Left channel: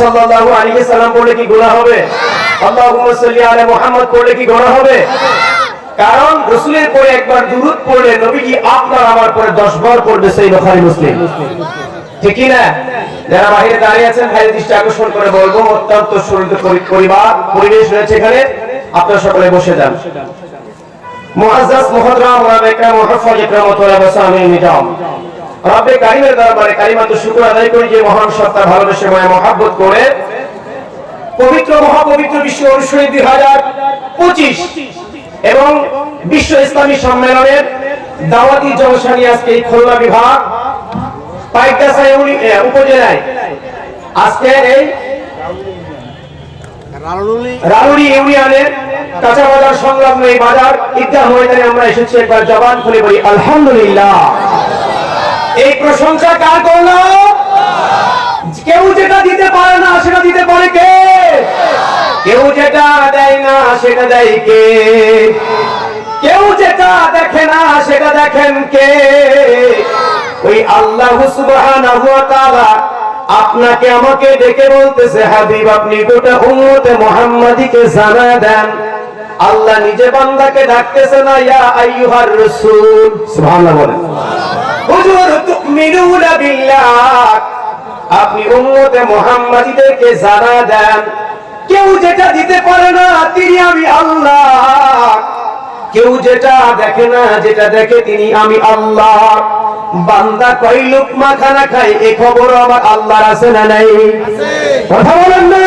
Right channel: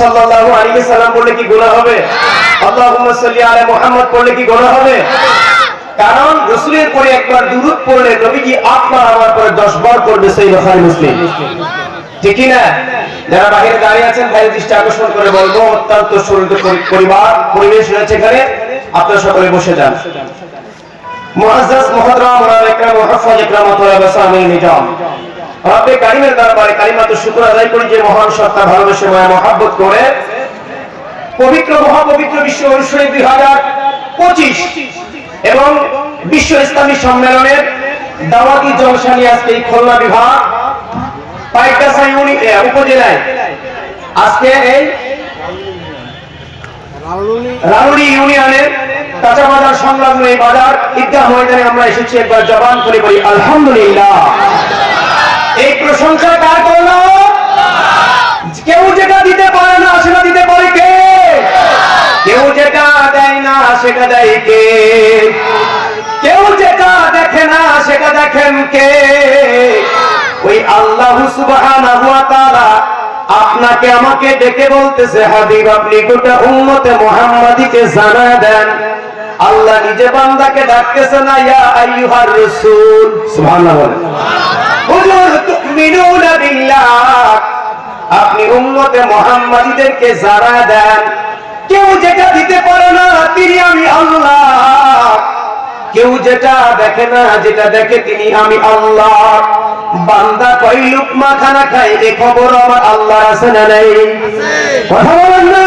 সাল্লাল্লাহু আলাইহি সাল্লাম পড়লে কি গুনাহ হবে? আল্লাহুম্মা সাল্লি আলা মুহাম্মদ পড়লে কি গুনাহ হবে? কারণ রাসূলের পরে একবার দুরূদ পড়লে নবীজি আপনার আমার পরে 10 বার পড়বে সেই বুখারী মুসলিম। ঠিক না? যারা বাইরে দাঁড়িয়ে আছেন ভাই দৃষ্টি আকর্ষণ করে বলব, অত্যন্ত সুন্দর পরিবার, পরিবেশ রয়েছে এখানে। আপনারা সকলে বসে যান। মুআজ্জাজ মুহতারাম ওলামা ইকরাম মুহাফফাজ ইকরাম ওয়া বাসামিল নিজাম রব্বে কারিমের দরবারে কালিমাতু শুকর আদায় করি যে মহান সত্তা ভালোবেসে মায়া মহাব্বত করে পবিত্র মহাপবিত্র বিশ্ব অনুষ্ঠানে দুই হাজার পঁচিশ এবং বিশ্ব ইসলামী সম্মেলনের দাওয়াতি জলসা নিয়ে আজকে এই খুলনা বিভাগ উপজেলায় আজকে এই ইউনিয়নের কাঁচা বাজার সংলগ্ন এই বাজার ঈদগাহ ময়দানে আমরা এসেছি একবার জবান খুলে বলি আলহামদুলিল্লাহ। প্রশংসা কার করলাম কেউ যেটা দিতে পারে না, সেটা দিতে পারে কে? কেউ যেটা দেয় না, সেটা দেয় কে? কেউ যেটা দেখে না, সেটা দেখেন কে? ওই আল্লাহ সুবহানাহু আপনাকে আমাকে ডেকে বলতেছে, হাবিব, আপনি গোটা উম্মতে মুহাম্মাদিকে জানা দেন। আল্লাহ নিজে বান্দাকে ডাকতেছে না, ইয়া আইয়ুহার রাসূল। সুবহানাল্লাহ হুজুর আপনি উম্মতে মুহাম্মাদিদেরকে জানা দেন, কেউ যেটা দিতে পারে না তিনি আমি আল্লাহ। কেউ যেটা দেখে না যেটা দেখে তিনি আমি আল্লাহ। বান্দা কই লুকমা খানা খাই এ খবর আমার আল্লাহর আছে না নাই? কথা বলেন না?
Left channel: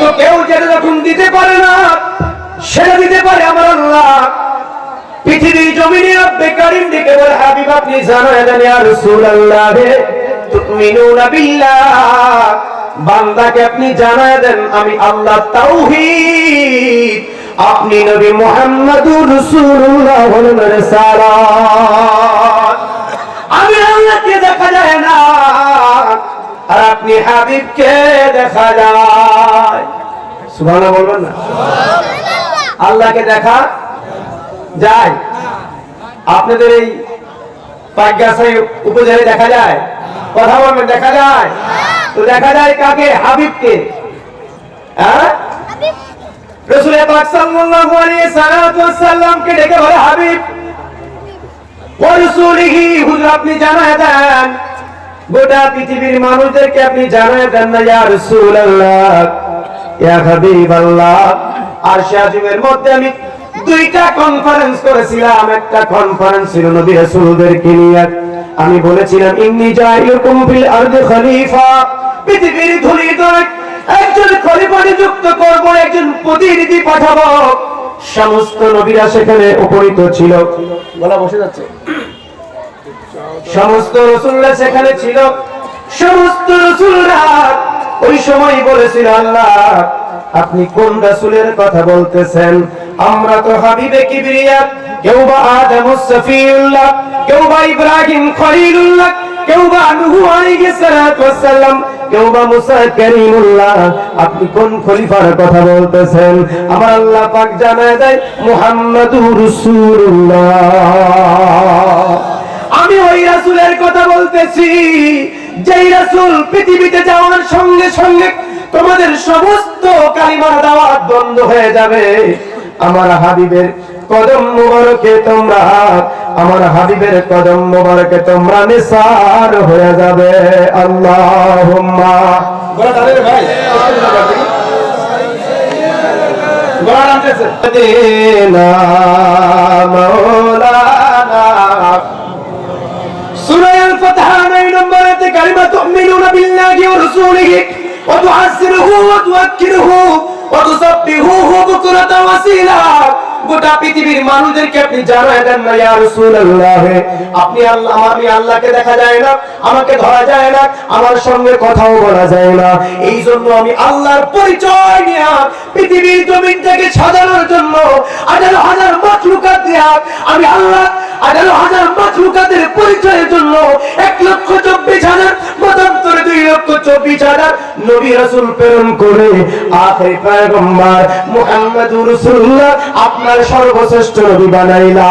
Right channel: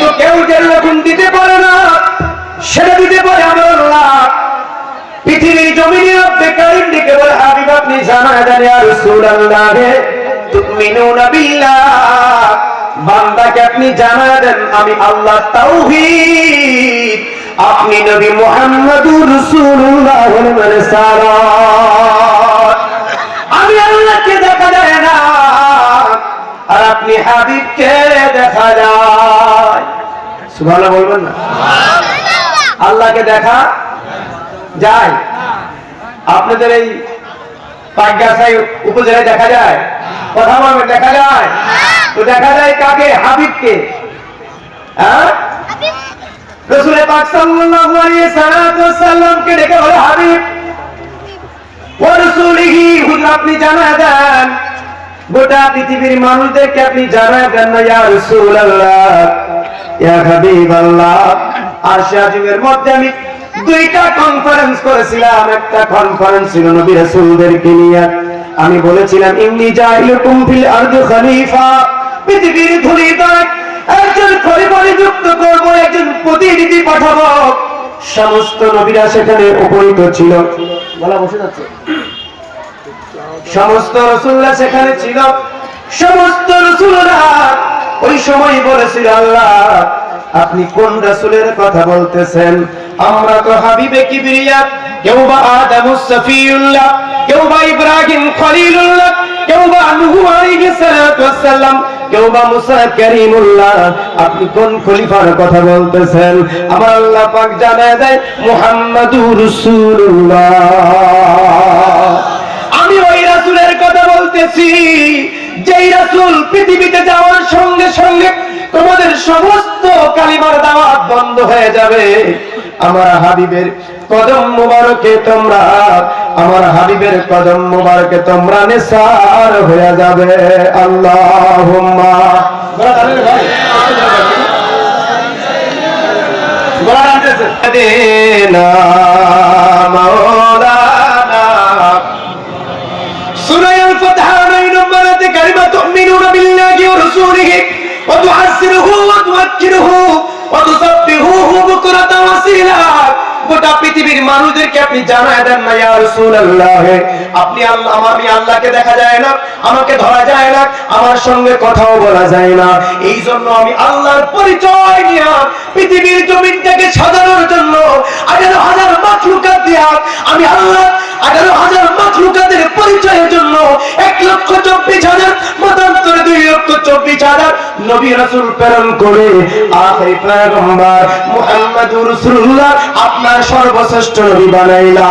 তো কেউ যখন দিতে পারে না, সেটা দিতে পারে আমার আল্লাহ। পৃথিবীর জমিনে রব্বে কারিম দিকে বলে হাবিব আপনি জানা দেন ইয়া রাসূলুল্লাহ তুমিনুনা বিল্লাহ বান্দাকে আপনি জানা দেন আমি আল্লাহ তাওহীদ আপনি নবী মুহাম্মদুর রাসূলুল্লাহ রিসালাত আমি আল্লাহকে দেখা যায় না আর আপনি হাবিবকে দেখা যায়। সুবহানাল্লাহ বলবেন না? আল্লাহকে দেখা যায়। আপনাদের এই উপজেলায় দেখা যায়? কথা দেখা যায়? তো দেখা যায় কাকে? হাবিবকে। হ্যাঁ? গোটা পৃথিবীর মানুষদেরকে আপনি মধ্যে আমি দুইটা কনফারেন্স করেছিলাম। একটা কনফারেন্স ছিল নবী রাসূলদেরকে নিয়ে। আমি বলেছিলাম ইন্নী জাইলুকুম ফিল আরদি খলিফা। পৃথিবীর ধুলিত একজন খলিফা নিযুক্ত করব একজন প্রতিনিধি পাঠাবো। সমস্ত নবীরা সেখানে উপনীত ছিল। গলা বসে যাচ্ছে। সমস্ত রসুল্লাহ সেখানে ছিল। সমস্ত রসুলরা ওই সময় বলেছিল আল্লাহ আপনি কোন রাসূলের কথা বলতেছেন? আমরা তো হাবিবে কিবরিয়া, কেউ বা আদম সফিউল্লাহ, কেউ বা ইব্রাহিম খলিলুল্লাহ, কেউ বা নূহ আলাইহিস সালাতু ওয়াসসালাম, কেউ বা মুসা করিমুল্লাহ। আপনি কোন খলিফার কথা বলতেছেন? আমার আল্লাহ পাক জানায় দেয়, মুহাম্মাদুর রাসূলুল্লাহ। আমি ওই রাসূলের কথা বলতেছি, যেই রাসূল পৃথিবীতে যাওয়ার সঙ্গে সঙ্গে তোমাদের সমস্ত কালিমার দাওয়াত বন্ধ হয়ে যাবে। আমার হাবিবের কদম মুবারকে তোমরা আমার হাবিবের কদম মুবারকে তোমরা নিসার হয়ে যাবে। আল্লাহ ভাই। বিল্লাহি ওয়া রাসূলিহি ওয়া ওয়া তুআক্কিরুহু ওয়া গোটা পৃথিবীর মানুষদেরকে আপনি জানায় দেন না, ইয়া রাসূলুল্লাহ। আপনি আমি আল্লাহকে দেখা যায় না, আমাকে ধরা যায় না, আমার সঙ্গে কথাও বলা যায় না। এই জন্য আমি আল্লাহর পরিচয় নিয়ে পৃথিবীর জমিন থেকে সাজানোর জন্য আঠারো হাজার মাখলুকাত দিয়া আমি আল্লাহ আঠারো হাজার মাখলুকাতের পরিচয়ের জন্য এক লক্ষ চব্বিশ হাজার দুই লক্ষ চব্বিশ হাজার নবী রাসূল প্রেরণ করে আখেরি পয়গম্বর মুহাম্মদুর রাসূলুল্লাহ আপনার সর্বশ্রেষ্ঠ নবী বানাইলা